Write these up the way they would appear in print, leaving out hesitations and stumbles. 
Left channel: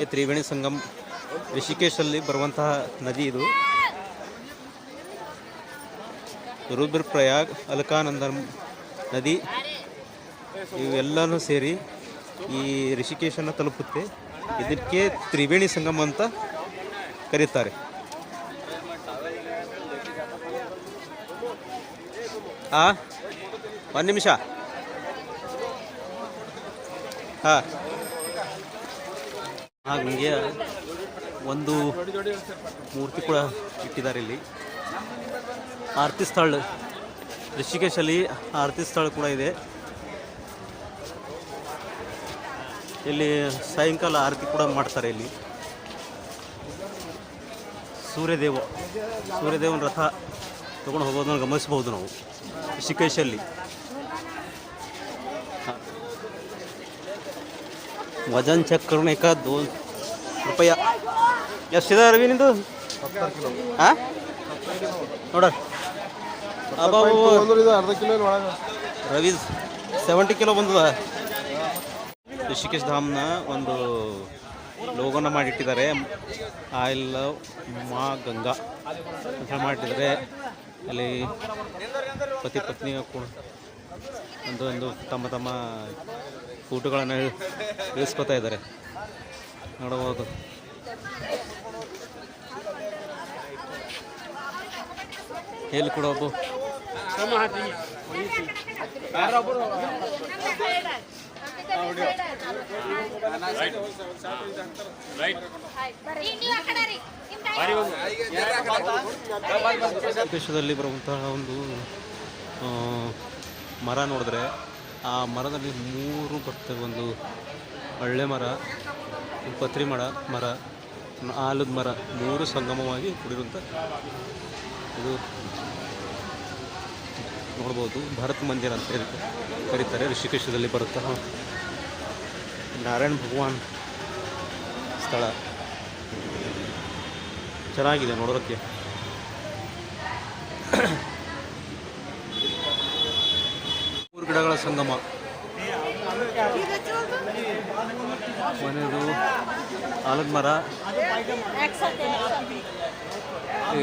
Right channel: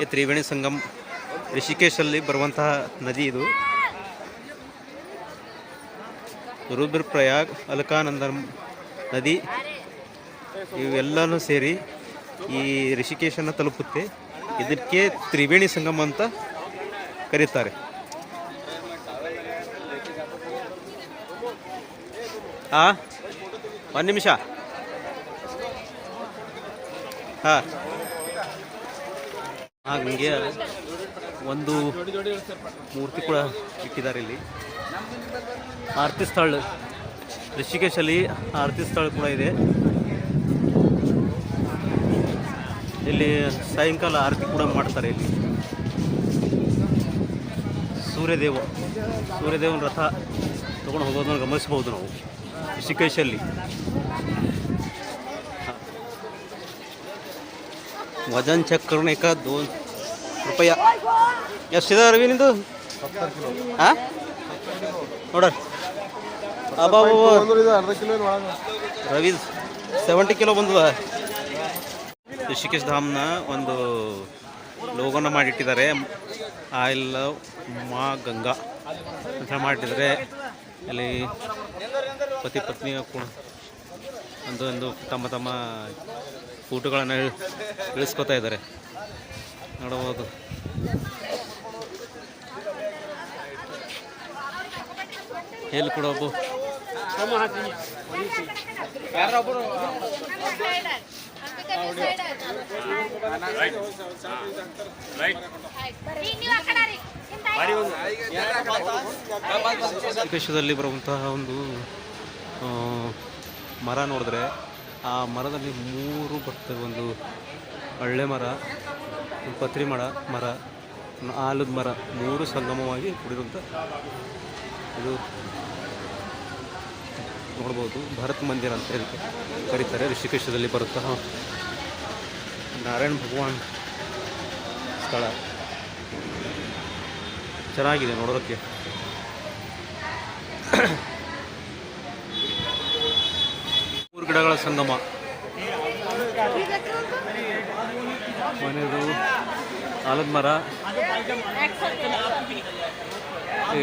ಈ ತ್ರಿವೇಣಿ ಸಂಗಮ್ ರಿಷಿಕೇಶಲ್ಲಿ ಬರುವಂತಹ ನದಿ ಇದು. ರುದ್ರಪ್ರಯಾಗ್, ಅಲಕಾನಂದ ನದಿ ಇವೆಲ್ಲನೂ ಸೇರಿ ಈ ರಿಷಿಕೇಶನ್ನು ತಲುಪುತ್ತೆ. ಇದಕ್ಕೆ ತ್ರಿವೇಣಿ ಸಂಗಮ ಅಂತ ಕರೀತಾರೆ. ಒಂದು ನಿಮಿಷ. ಹಾಗೆ ಒಂದು ಮೂರ್ತಿ ಕೂಡ ಇಟ್ಟಿದ್ದಾರೆ ಇಲ್ಲಿ. ಆರತಿ ಸ್ಥಳ, ರಿಷಿಕೇಶಲ್ಲಿ ಆರತಿ ಸ್ಥಳ ಕೂಡ ಇದೆ. ಇಲ್ಲಿ ಸಾಯಂಕಾಲ ಆರತಿ ಕೂಡ ಮಾಡ್ತಾರೆ. ಇಲ್ಲಿ ಸೂರ್ಯದೇವನ ರಥ ತಗೊಂಡು ಹೋಗೋದನ್ನು ಗಮನಿಸಬಹುದು ನಾವು ರಿಷಿಕೇಶಲ್ಲಿ. वजन चेक करने का 2 रुपया. ಎಷ್ಟಿದೆ ರವಿ ನಿಂದು? ಹಾಂ ನೋಡ್ರಿ ರವಿ 70 ಕಿಲೋ ಬಂದದ. ರಿಷಿಕೇಶ್ ಧಾಮ್ನ ಒಂದು ಲೋಗೋನ ಮಾಡಿಟ್ಟಿದ್ದಾರೆ. ಐ ಲವ್ ಮಾ ಗಂಗಾ ಅಂತ ಮಾಡಿಟ್ಟಿದ್ದಾರೆ. ಅಲ್ಲಿ ಪತಿ ಪತ್ನಿ ಕೂಡ ಒಂದು ತಮ್ಮ ಫೋಟೋಗಳನ್ನು ಇಳಿಸ್ಕೊತಾ ಇದ್ದಾರೆ, ನೋಡಬಹುದು. ಎಲ್ಲಿ ಕೂಡ ಒಬ್ಬ ದೇಶದಲ್ಲಿ ಬರುವಂತಹ ಒಂದು ಮರ ನೋಡಿದ್ರೆ ಆ ಮರದಲ್ಲಿ 3 ಬರ್ತವೆ. ಒಂದು ಒಳ್ಳೆ ಮರ, ಒಂದು ಪತ್ರಿ ಮರ, ಆಲದ ಮರ, 3 ಸಂಗಮವಾಗಿ ಕೂಡಿರುವಂಥ ಇದು ನೋಡ್ಬೋದು. ಭಾರತ್ ಮಂದಿರ ಅಂತ ಇದಕ್ಕೆ ಕರೀತಾರೆ. ರಿಷಿಕೇಶದಲ್ಲಿ ಬರುತ್ತಾ ನಾರಾಯಣ ಭಗವಾನ್ ಸ್ಥಳ ಚೆನ್ನಾಗಿದೆ ನೋಡೋದಕ್ಕೆ. ಗಿಡಗಳ ಸಂಗಮ, ಮನೆಯದು ಆಲದ ಮರ,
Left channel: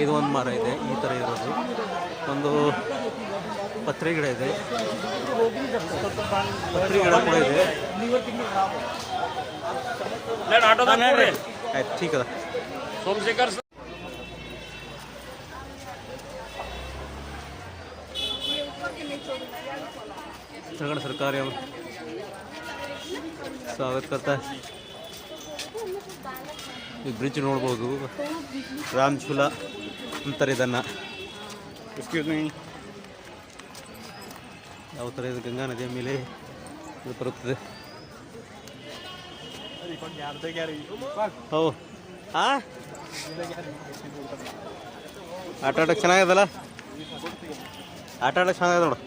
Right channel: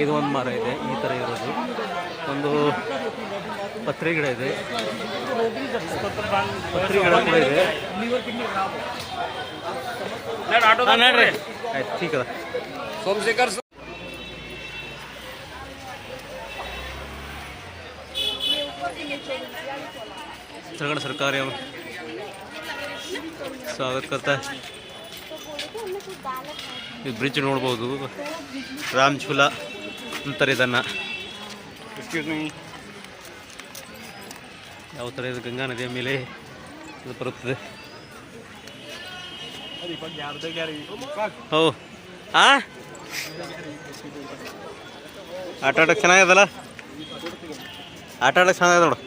ಇದು ಒಂದು ಮರ ಇದೆ ಈ ಥರ ಇರೋದು. ಒಂದು ಪತ್ರೆ ಗಿಡ ಇದೆ, ಪತ್ರೆ ಗಿಡ ಕೂಡ ಇದೆ. ಆಯ್ತು, ಠೀಕ್ ಅದ. उत्तराखंड सरकार स्वागत करता है. ಈ ಬ್ರಿಡ್ಜ್ ನೋಡ್ಬೋದು, ರಾಮ್ ಝೂಲಾ ಅಂತಾರೆ ಇದನ್ನು. ಯಾವ ಥರ ಇದು ಗಂಗಾ ನದಿಯ ಮೇಲೆ ಇದು ಬರುತ್ತದೆ. ಓ ಆಟ ಆಡೋಕ್ಕೆ ಚೆನ್ನಾಗಿದಲ್ಲ, ಆಟ ಆಡೋಕ್ಕೆ ಚೆನ್ನಾಗಿದೆ ನೋಡು.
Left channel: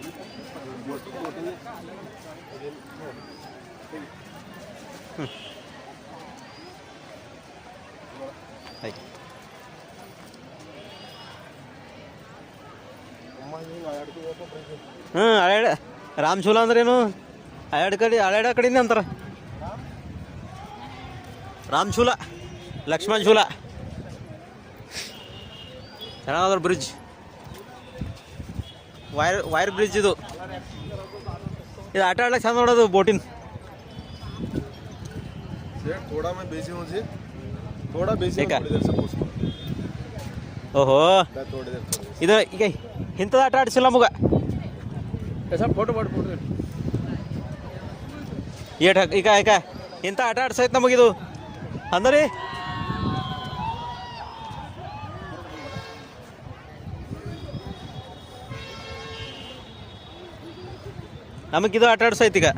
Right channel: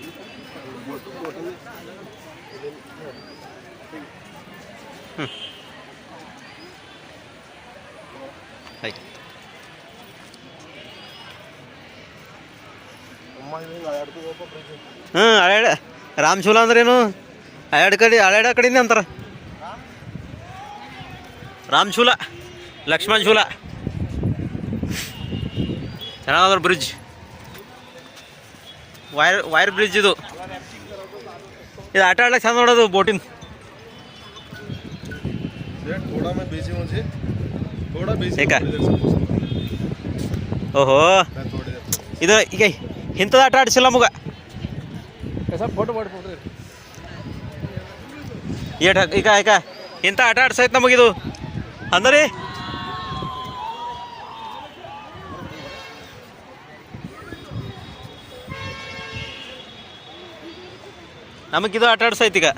ಅಳ್ಯಾಡ ರಾಮ್ ಝೂಲಾ ಅಂದ್ರೇನು? ಅಳ್ಯಾಡ ಕಡೆಯಿಂದ ಅಂತಾರ ರಾಮ್ ಝೂಲಾ, ಲಕ್ಷ್ಮಣ್ ಝೂಲಾ. ಚೆನ್ನಾಗದ ಬ್ರಿಡ್ಜ್, ವೈರ್ ಬ್ರಿಡ್ಜ್ ಇದು. ಆಟ ಆಡ್ಲಿಕ್ಕೆ ಚಂದ ನೋಡೋದು ಬೋಟಿಂದ. ಓಹೋ, ಇದು ಈಗ ಇಂಥದ್ದು ಆಟ ಆಡಿಸಿಲ್ಲ ಮಗ. ಈಗ ಇಂಥ ಆಟ ಆಡ್ಸೈತೆ ನಮಗಿದು ಅಂದರೆ. ನಮಗಿದು ಆಟ ಆಡ್ಸೈತಿ ಈಗ.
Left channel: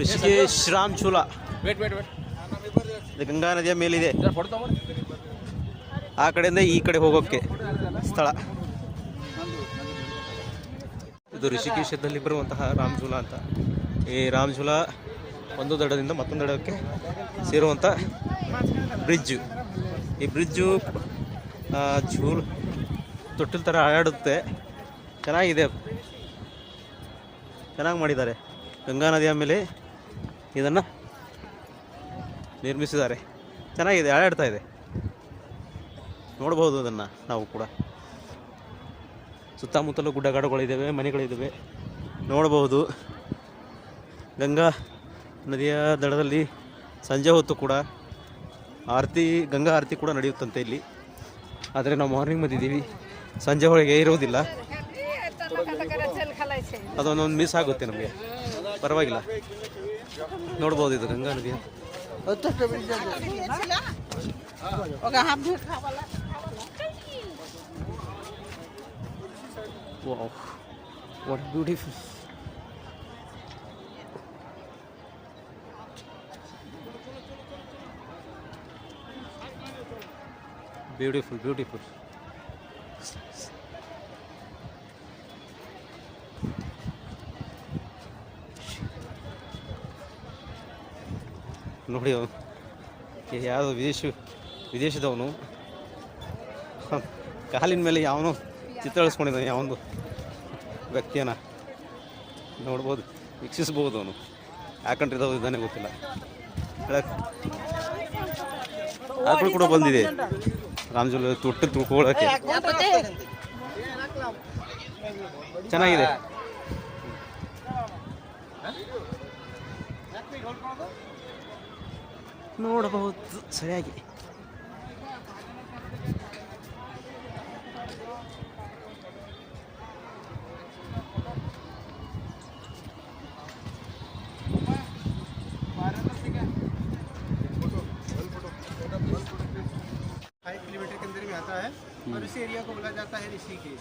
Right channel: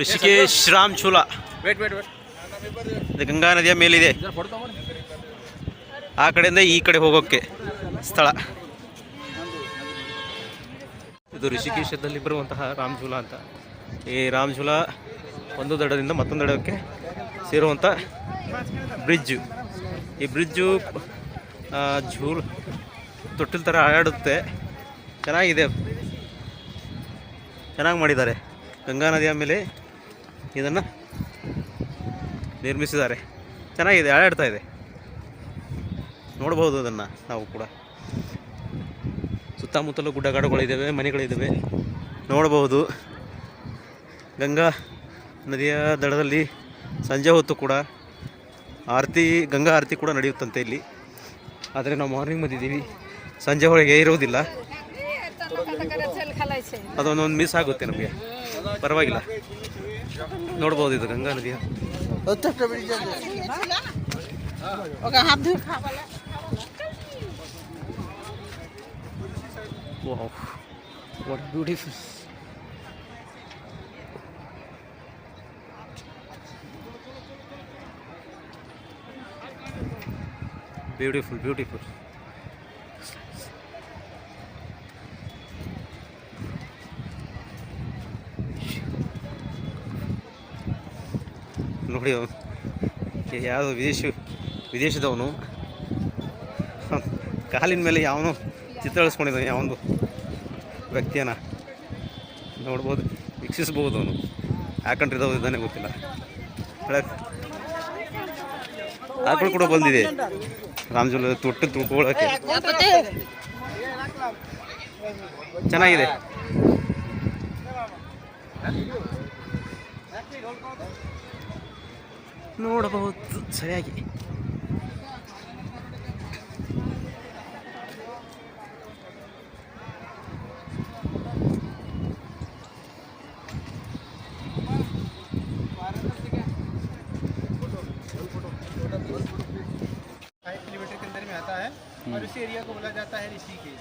ರಿಷಿಕೇಶ್ ರಾಮ್ ಝೂಲಾ ಇದು ಗಂಗಾ ನದಿಯ ಮೇಲಿದೆ. ಆ ಕಡೆಯಿಂದ ಈ ಕಡೆ ಹೋಗೋಕ್ಕೆ ಸ್ಥಳ ಇದು. ರಿಷಿಕೇಶದಲ್ಲಿ ಬರುವಂತಹ ರಾಮ್ ಝೂಲಾ ಅಂತ. ಈ ರಾಮ್ ಝೂಲಾ ಒಂದು ದಡದಿಂದ ಮತ್ತೊಂದು ದಡಕ್ಕೆ ಸೇರುವಂಥ ಬ್ರಿಡ್ಜು. ಈ ಬ್ರಿಡ್ಜು ತೊಟ್ಟಿಲ್ ಥರ ಆಡುತ್ತೆ, ಚೆನ್ನಾಗಿದೆ, ಚೆನ್ನಾಗಿ ಮಾಡಿದ್ದಾರೆ. ಗಂಗಾ ನದಿಯ ಮೇಲೆ ಇದನ್ನು ನಿರ್ಮಿಸಿದ್ದಾರೆ, ಚೆನ್ನಾಗಿದೆ, ಆಡಾಡ್ತಾ ಇದೆ. ನೋಡ್ಬೋದು ಅದನ್ನು ನಾವು ಕೂಡ. ಸುತ್ತಮುತ್ತಲೂ ಗುಡ್ಡಗಾಡುಗಳಿದ್ದಾವೆ, ಮನೆಗಳಿದ್ದಾವೆ, ನೋಡಬಹುದು. ಗಂಗಾ ನದಿಯ ದಡದಲ್ಲಿ ಸಂಜೆ ಹೊತ್ತು ಕೂಡ ಗಂಗಾ ಆರತಿ ಕೂಡ ನಡೆಯುತ್ತಂತೆ ಇಲ್ಲಿ. ಆದರೆ ನಾವು ಮಾರ್ನಿಂಗ್ ಬಂದಿದ್ದೀವಿ, ಸಂಜೆ ಹೊರಗೆ ಇರುವುದಿಲ್ಲ, ಅದೊಂದೊಂದು ಮಿಸ್ ಆಗುತ್ತೆ ನಮಗೆ. ಪರವಾಗಿಲ್ಲ, ನೋಡ್ಬೋದು ಇದು ಗಂಗಾ ನದಿಯ. Wow, what beautiful. Beautiful, beautiful. ನೋಡಿ, ಯಾವುದೋ ವಿದೇಶದವನು ಕಾಲಿನ ಮೇಲೆ ಯಾವನೋ ಚಿತ್ರಿಸ್ಕೊಂಡಿದ್ದಾನೆ, ಯಾವೊಂದು ವ್ಯಕ್ತಿಯನ್ನು ನೋಡ್ಬೋದು, ವೀಕ್ಷಿಸ್ಬೋದು. ಅವನು ಯಾಕಂಡ್ರಿದವ ಇದ್ದಾನೆ ಗೊತ್ತಿಲ್ಲ. ಆಕಳು ಕೂಡ ಬಂದಿದೆ ರಾಮಜುಲ ತೊಟ್ಟು ತುಳ್ಕೊಳ್ಳೋಕ್ಕೆ, ಚೆನ್ನಾಗಿದೆ. ನೋಡಬಹುದು ಸರಿಯಾಗಿ. किलोमीटर के अंदर में आता है और उसी एरिया को बोला जाता है ऋषिकेश.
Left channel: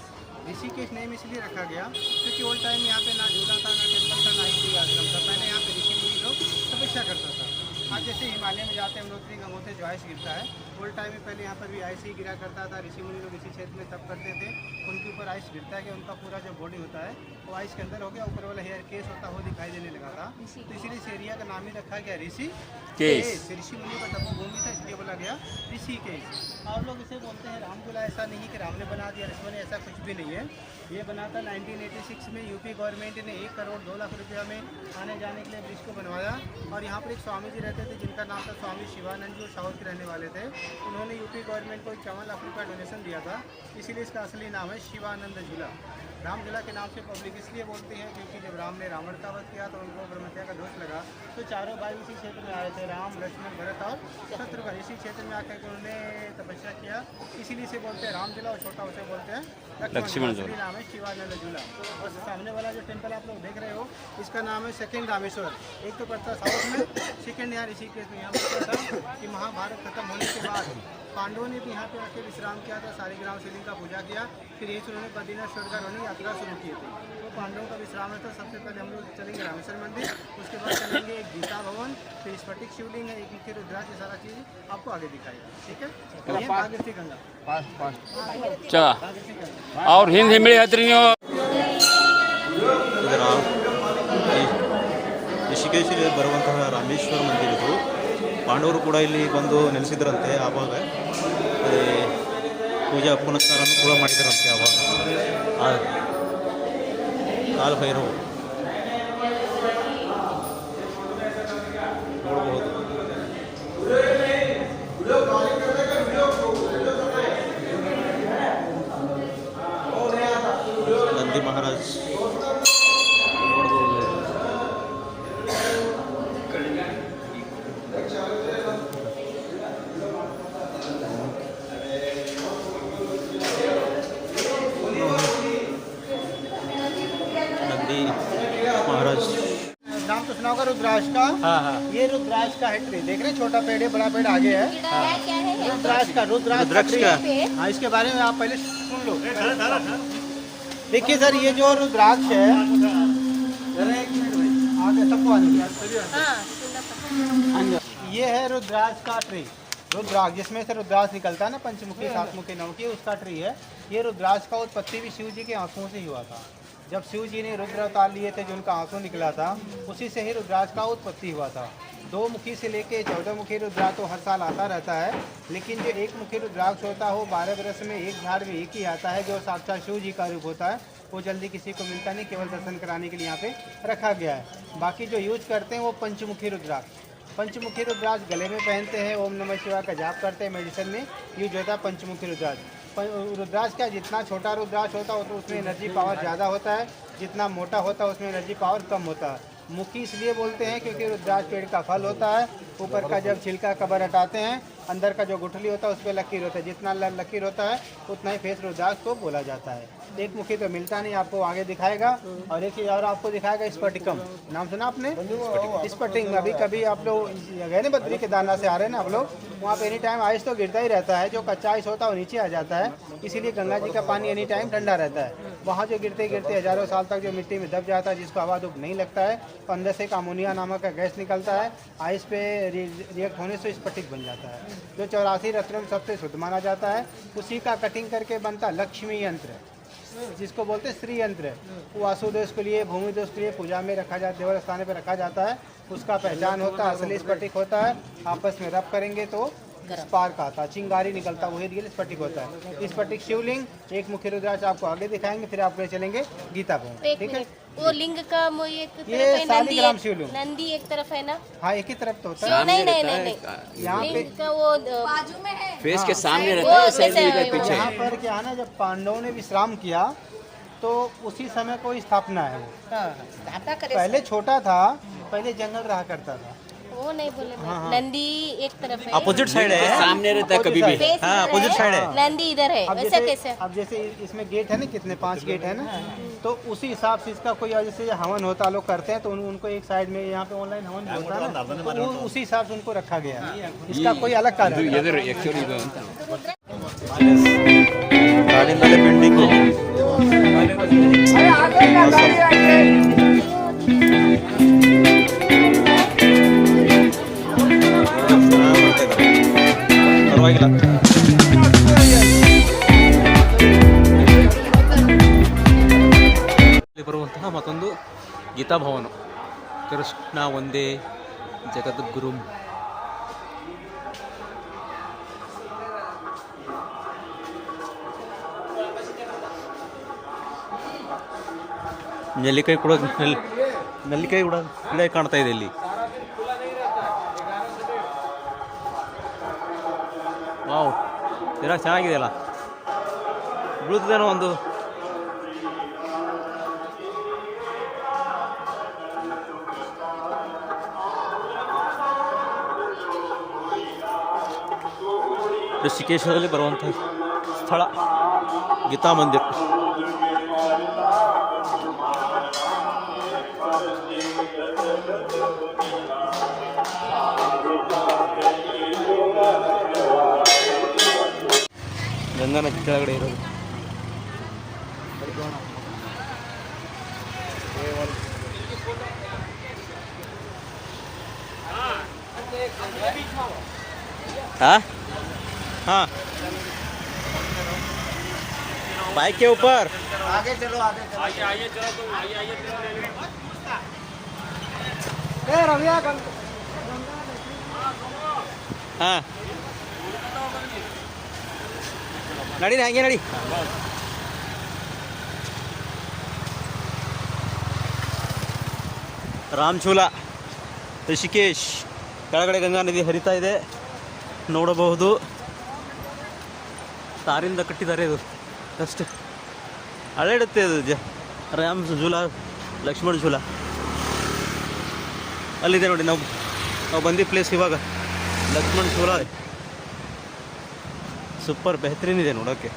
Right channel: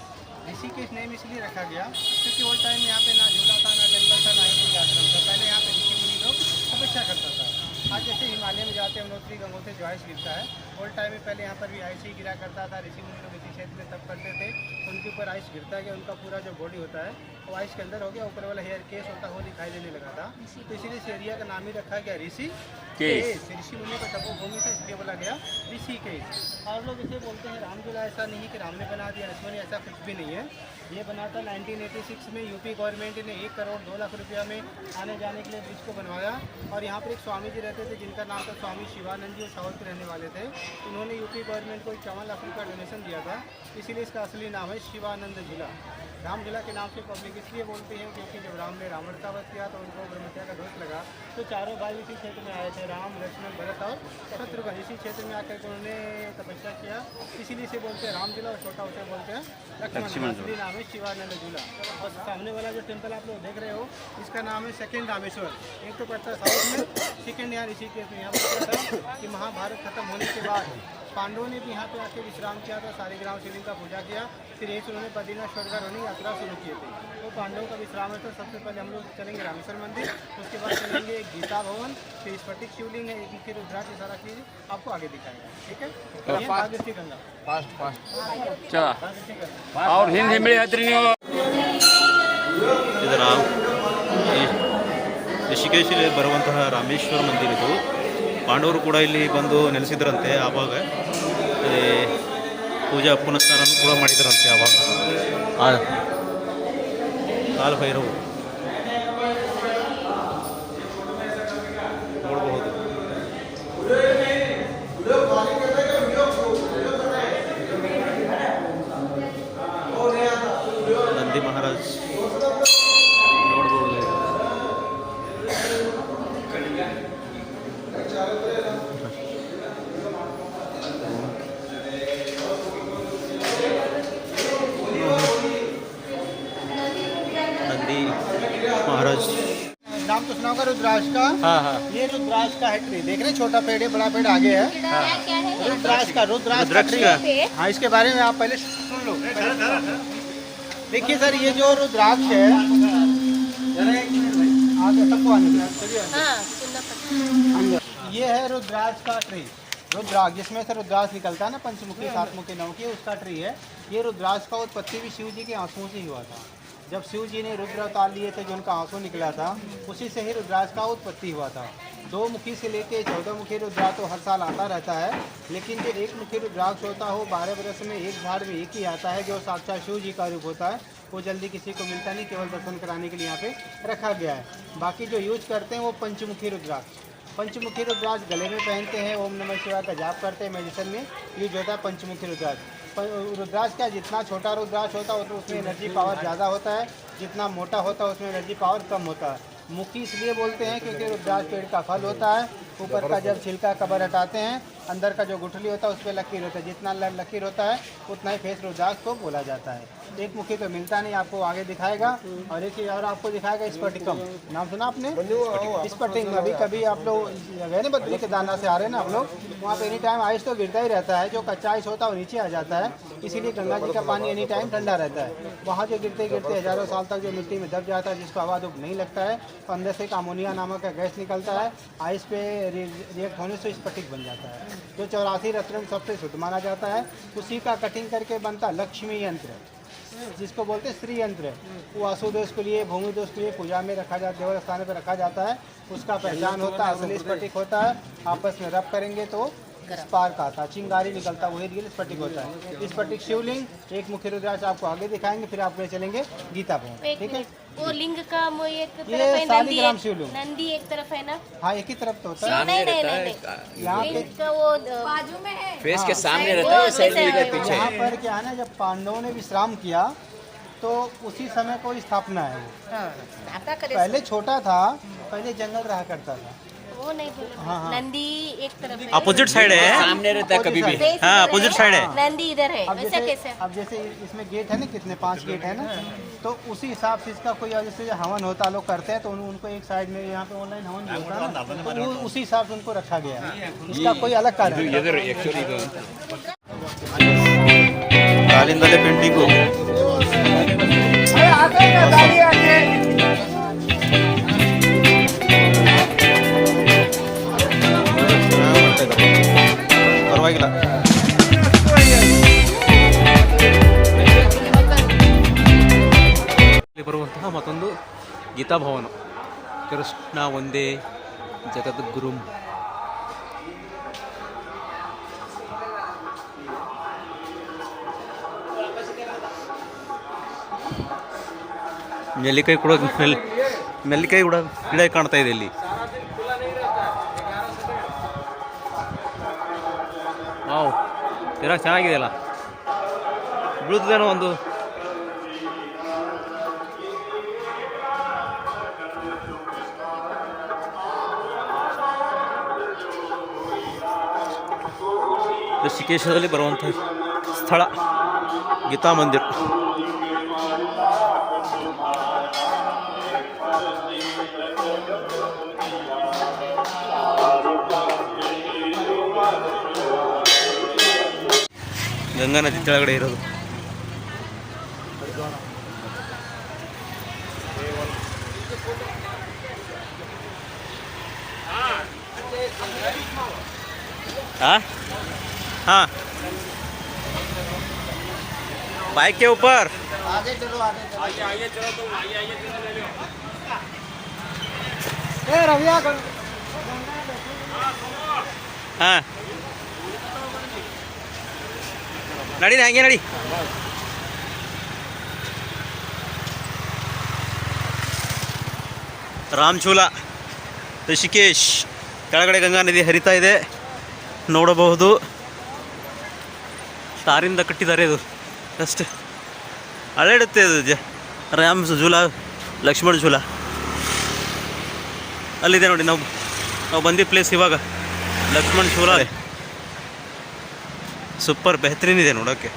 ऋषिकेश नेम इसलिए रखा गया क्योंकि ओल्ड टाइम में यहाँ पे ना झूला था, ना टेम्पल था, ना ही कोई आश्रम था. पहले यहाँ पे ऋषि मुनि लोग तपस्या करता था. आज जैसे हिमालय में जाते हैं यमुनोत्री गंगोत्री जो आइस गिरता है, ओल्ड टाइम में पहले यहाँ पर भी आइस ही गिरा करता था. ऋषि मुनि लोग इसी क्षेत्र में तप करते थे. उनके ऊपर आइस गिरता है कि उनका पूरा जो बॉडी होता है वो आइस के अंदर हो गया, ऊपर वाला हेयर केस होता हुआ दिखाई देने लगा था. तो इसीलिए इस एरिया का नाम ही रखा गया ऋषिकेश. ऋषि मुनियों का तपोभूमि था, इसलिए बोला गया ऋषिकेश. और लोग इसे बोलते हैं रामझूला. ऐसा नहीं कि राम ने बना दिया, लक्ष्मण ने, ऐसा कुछ भी नहीं है. ये बना था 1986 में. यूपी गवर्नमेंट ने 1 करोड़ 2 लाख रुपया में आने जाने के लिए ब्रिज को बनवाया. और यहाँ पर एक स्वामी जी रहते थे जिनका नाम था स्वामी शिवानंद जी, वो साउथ के रहने वाले थे. उन्होंने यूपी गवर्नमेंट को 51 लाख रुपया डोनेशन दिया था, इसीलिए इसका असली नाम है शिवानंद झूला. राम झूला के नाम से पब्लिक इसलिए बोलती है क्योंकि जब राम ने रावण का वध किया तो उनको ब्रह्मत्या का दोष लगा, तो चारों भाई इसी क्षेत्र में आए थे, राम, लक्ष्मण, भरत और शत्रुघ्न. इसी क्षेत्र में आकर उन्होंने तपस्या किया, इसीलिए से बोलते हैं राम झूला. और छोटा उसे बोलते हैं लक्ष्मण. असली नाम है शिवानंद झूला. और सामने वाला जो टेम्पल आप लोग देख रहे हो, इसका नाम है सेकेंड रामेश्वर. एक तो पड़ता साउथ में, सेकेंड यहाँ ऋषिकेश में. यहाँ पर था कि महाभारत खत्म होने के बाद पांडवों ने भी यहाँ पे आके विश्राम किया था, शालिग्राम शिवलिंग का पूजा किया. फिर एक उन्होंने बद्रीनाथ स्वर्गगार होने यात्रा शुरू किए थे. वो पांडवों का विश्राम है. तो सबसे पहले हम लोग चलेंगे रामेश्वर मंदिर, उसके बाद चलेंगे एक गीता भवन, फिर स्फटिक शिवलिंग है, एक मुख्य रुद्राक्ष, ये सारा चीज़ आपको आगे दिखाएगा. ठीक है, ये भागीरथी गंगा. और हिंदी में ಇದು ಋಷಿಕೇಶಲ್ಲಿ ಬರುವಂತಹ ರಾಮೇಶ್ವರ ಮಂದಿರ. ಇದು ಪಾಂಡವರು ಕೂಡ ಇಲ್ಲಿ ಬಂದು ನೆಲೆಸಿದ್ರಂತೆ. ಆವಾಗ ಪೂಜಾ ಪುನಸ್ಕಾರನೂ ಕೂಡ ಮಾಡಿದರಂತೆ. ಆವಾಗ ಕಾಲಭೈರವು ನೋಡಬಹುದು. ನಂದಿ ಮಹಾರಾಜ್ ನೋಡಬಹುದು. नंदी महाराज नाम तो सुना होगा रुद्राक्ष का. ये रुद्राक्ष का है ट्री. देख रहे छोटा पेड़ है, बड़ा पेड़ आगे है. रुद्राक्ष का हाँ, इसके बारे में आप पहले सुन लो. देखिए सर, ये जो रुद्राक्ष है, आगे सबको आने ये है रुद्राक्ष का ट्री. रुद्राक्ष जिसमें से रुद्राक्ष निकलता है ना, पंचमुखी, सातमुखी, नवमुखी, उसका ट्री है. ये रुद्राक्ष का उत्पत्ति भी शिव जी के आंसुओं से ही हुआ था. जब शिव जी ने रुद्र अवतार लिए थे, जो उनका आंसू निकला था, उसी से ही रुद्राक्ष का उत्पत्ति हुआ था। 2 मुखी से लेके 14 मुखी रुद्राक्ष तो हर साल आता रहता है, लेकिन जो 1 मुखी रुद्राक्ष होता है वो 12 वर्ष में एक झाड़ में एक ही आता है, जो साक्षात शिव जी का रूप होता है। वो जल्दी किसी को मिलता नहीं, केवल दर्शन कराने के लिए यहाँ पे रखा गया है। बाकी जो यूज करते हैं वो पंचमुखी रुद्राक्ष, पंचमुखी रुद्राक्ष गले में पहनते हैं, ओम नमः शिवाय का जाप करते हैं, मेडिसिन में यूज होता है पंचमुखी रुद्राक्ष। रुद्राक्ष का जितना छोटा रुद्राक्ष होता है तो उसमें एनर्जी पावर ज़्यादा होता है, जितना मोटा होता है उसमें एनर्जी पावर कम होता है। मुखी इसलिए बोलते हैं क्योंकि रुद्राक्ष पेड़ का फल होता है, ऊपर का जब छिलका कवर हटाते हैं, अंदर का जो गुठली होता है उस पर लकीर होता है, जितना लकीर होता है उतना ही फेस रुद्राक्ष को बोला जाता है। एक मुखी तो मिलता नहीं, आपको आगे दिखाएगा। और एक चीज़ और आपको दिखाएगा, स्फटिकम, नाम सुना आपने? स्फटिक। अभी कभी आप लोग गए ना बद्री केदारनाथ से आ रहे हैं ना आप लोग, वहाँ पे एनी टाइम आइस तो गिरता ही रहता है, जो कच्चा आइस होता है वो नीचे आ जाता है, इसीलिए गंगा जी का पानी एनी टाइम ठंडा रहता है। वहाँ जो गिरते गिरते हज़ारों साल तक जो मिट्टी में दब जाता है, जिसको हवा धूप नहीं लगता है, तो अंदर से एक अमोनिया नामक का गैस निकलता है, आइस पे रिएक्ट होने से स्फटिक बन जाता है, जो 84 रत्नों में सबसे शुद्ध माना जाता है। उसी का कटिंग करके बनता लक्ष्मी यंत्र, जिसको बोलते हैं श्री यंत्र। वो वासुदेव के लिए, भूमि दोष के लिए पूजा में रखा जाता है, देव स्थान पर रखा जाता है। उसका पहचान होता है, असली स्फटिक होता है। आपस में रब करेंगे तो स्पार्क आता है, चिंगारी निकलता है, वही रियल स्फटिक होता है। स्फटिक शिवलिंग, एक मुख्य रुद्राक्ष आपको आगे दिखाएंगे, फिर आप ले चलेंगे गीता भवन। ठीक है, वो लिंग का एक ये शालिग्राम शिवलिंग, नंदी एक तरफ है ना? हाँ एक ही तरफ तो होता है। नहीं नहीं नहीं, यहाँ पे वो बाजू में है, फेस के सामने रहता है, साइड में के पीछे। यहाँ पर क्या है ना, जब पांडवों ने विश्राम किया तो उसी समय को स्थापना है। वो पहले छोटा था, पहले जंगल रहा करता था। वो नहीं बोले, हाँ। नंदी एक तरफ है, अपोजिट साइड है। सामने रहता है कभी भी। हाँ, अपोजिट साइड है। नंदी इधर है, वैसा कैसे? अब जैसे इसमें गेट है ना, कितने 5 गेट है ना, तो उसी हिसाब से इसका कोई जैसे हवन होता लोग करते हैं, तो उनको एक साइड में यहाँ पे ऑनलाइन हवन भी होता है ना, तो वो उसी हिसाब से उनको रखा गया है। इसका कोई अलग कारण नहीं। ಕಾಲಿಂದಲೇ ಪೆಂಡಿಂಗು. ಪರವಾಗಿಲ್ಲ. ಇಲ್ಲಿ ಬರುವಂತಹ ಮತ್ತೊಂದು ಗೀತಾ ಭವನ, ಕೃಷ್ಣ ಒಂದೇ ಜಗದ್ಗುರುಂ. ನೆಲ್ಲಿಕಾಯಿ ಕೂಡ ನೆಲ್ಲಿಕಾಯಿ ಕೂಡ ಗಿಡ ಕಾಣ್ತಾ ಇದೆ ಇಲ್ಲಿ. ವಾವ್, ಚೆನ್ನಾಗಿದೆ ಅಲ್ಲ, ಬೀಳ್ತದೇನೋ ಒಂದು. ಋಷಿಕೇಶದಲ್ಲಿ ಬರುವಂಥ ಸ್ಥಳ ಗೀತಾ ಮಂದಿರ್. ಗಂಗಾ ನದಿ ಕೆಳಗಡೆ ಇರೋದು. हाँ हाँ, बाइक के ऊपर आगे चलो, आगे चलो। हाँ, ನಡಿ ಹಂಗೆ ನಡಿ. ರಾಮಚೂಲ, ಋಷಿಕೇಶ್, ಕೆಳಗಡೆ ಗಂಗಾ ನದಿ ಹರಿತಾ ಇದೆ, ನೋಡಬಹುದು. ತಾರಿಂದ ಕಟ್ಟಿದ್ದಾರೆ, ಇದು ಜಸ್ಟ್ ಅಳೆಡುತ್ತೆ ಇದು. ರಾಮ್ ಝೂಲ, ಲಕ್ಷ್ಮಣ್ ಝೂಲ ಅಲ್ಲಿದೆ ನೋಡಿ. ನಾವು ಬಂದಿದ್ದ ಪ್ಲೇಸ್ ಇವಾಗ ಲಕ್ಷ್ಮಣ್ ಝೂಲ. ಸೂಪರ್ ಬೆಹತರೀನ್ ಇದೆ ನೋಡೋಕ್ಕೆ.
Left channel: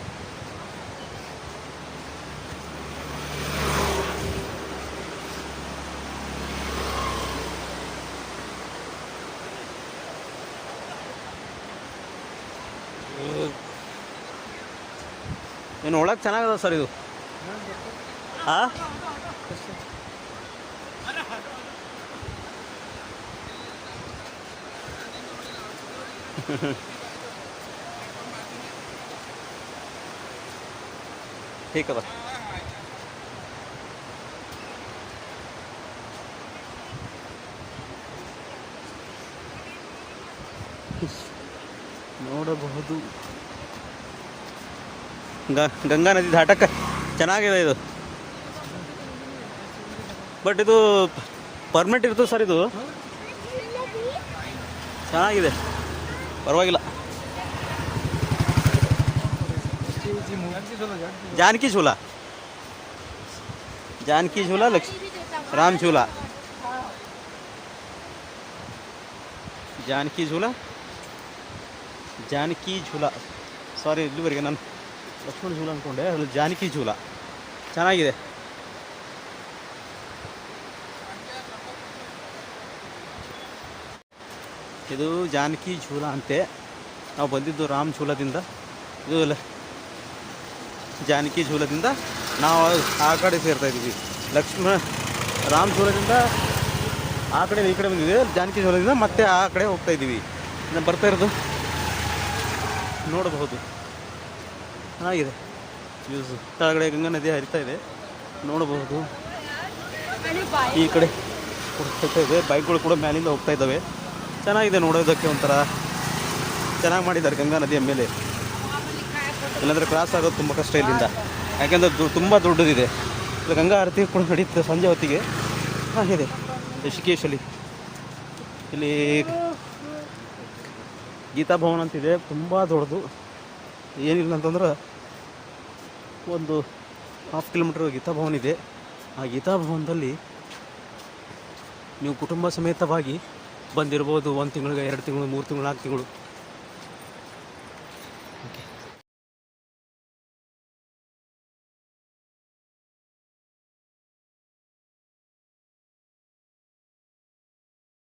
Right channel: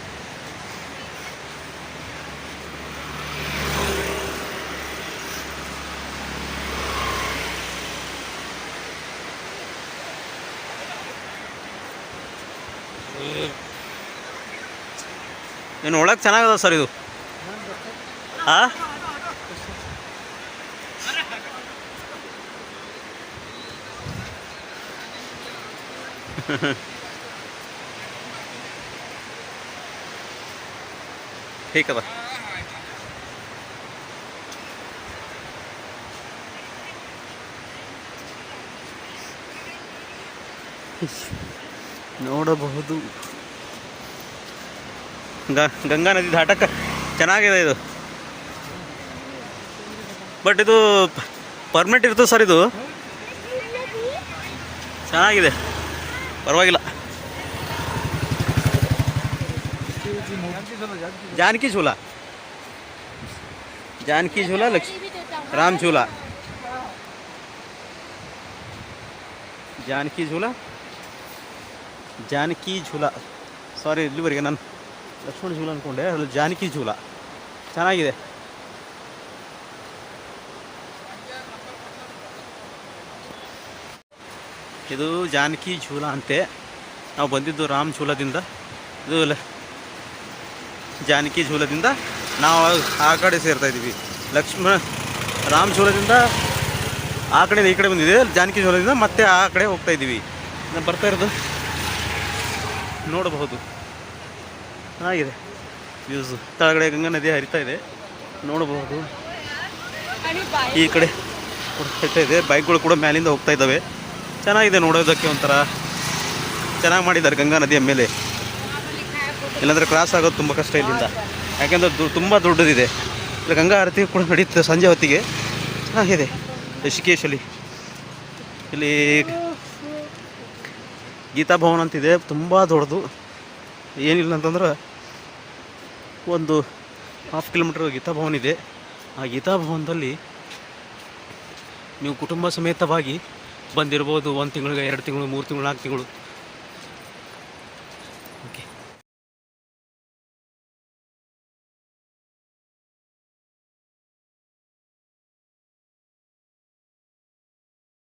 ಏನು ಒಳಗೆ ಚೆನ್ನಾಗದ ಸರ್ ಇದು. ಹಾಂ, ठीक है. ನೋಡಬಹುದು. ಗಂಗಾ ನದಿ ದಾಟಕ್ಕೆ ಚೆನ್ನಾಗಿದೆ ಇದು. ಬಟ್ ಇದು ಪರ್ಮನೆಂಟ್ ಇರ್ತದೆ ಸರ್, ಇದು ಚೆನ್ನಾಗಿದೆ, ಪರವಾಗಿಲ್ಲ. जानकी झूला, जानकी झूला, राम झूला, जानकी झूला, जानकी झूला. ಸಾರಿ, ಇಲ್ಲಿವರೆಗೆ ನಾನು ಲಕ್ಷ್ಮಣ झूला ಅಂದ್ಕೊಂಡೆ, ಅಲ್ಲಿ जानकी झूला ಚೆನ್ನಾಗಿದೆ. ಇದು जानकी झूला ಅಂತೆ. ನಾವು ಬಂದಿದ್ದು ರಾಮ್ झूलाದಿಂದ. ಇದು जानकी झूलाದಿಂದ ನಾವು ಆ ಕಡೆ ಸೇರ್ತಾ ಇದ್ದೀವಿ. ರಾಮ್ झूलाದಿಂದ ಆ ಕಡೆ ಈ ಕಡೆ ಬಂದಿದೆ. जानकी झूलाದಿಂದ ಮತ್ತೆ ಆ ಕಡೆ ಹೋಗ್ತಾ ಇದ್ದೀವಿ. ನಾವು ಬರ್ತಾ ಇರೋದು ನೋಡಬಹುದು, ಚೆನ್ನಾಗಿದೆ ವ್ಯೂಸು. ಕೆಳಗಡೆ ಗಂಗಾ ನದಿ ಹರಿತಾ ಇದೆ, ನೋಡಬಹುದು. ಈ ಕಡೆ ಕೂಡ ಹರಿತಾ ಇದೆ, ಬೈಕ್ಗಳು ಕೂಡ ಮೇಲಿಂದ ಹೋಗ್ತಾ ಇದ್ದಾವೆ. ಚೆನ್ನಾಗಿದೆ ನೋಡೋದಕ್ಕೆ, ಒಂಥರ ಚೆನ್ನಾಗಿ ಮಾಡಿದ್ದಾರೆ ಗಂಗಾ ನದಿಯ ಮೇಲೆ. ಇಲ್ಲಾಂದರೆ ಕ್ರಾಸ್ ಆಗೋದು ತುಂಬ ಕಷ್ಟ ಇಲ್ಲಿಂದ, ಯಾಕೆಂದರೆ ತುಂಬ ದೊಡ್ಡದಿದೆ. ಇಲ್ಲಿ ಗಂಗಾ ಆರತಿ ಕೂಡ ನಡೀತದೆ ಸಂಜೆ ಹೊತ್ತಿಗೆ, ಚೆನ್ನಾಗಿದೆ. ಋಷಿಕೇಶಲ್ಲಿ ಇಲ್ಲಿ ಗೀತಾ ಭವನ ಅಂತಿದೆ, ತುಂಬ ದೊಡ್ಡದು. ಏನಿಲ್ಲ ಅಂತಂದ್ರೆ ಒಂದು 1/2 ಕಿಲೋಮೀಟ್ರ್ ಗೀತಾ ಭವನ ಇದೆ. ಆ ಗೀತಾ ಭವನದಲ್ಲಿ ನೀವು ಕುಟುಂಬ ಸಮೇತವಾಗಿ ಬಂದಿರ್ಬೋದು. 1 ತಿಂಗಳಿಗೆ, 2 ತಿಂಗಳು, 3 ತಿಂಗಳು, 4 ತಿಂಗಳು. ಓಕೆ.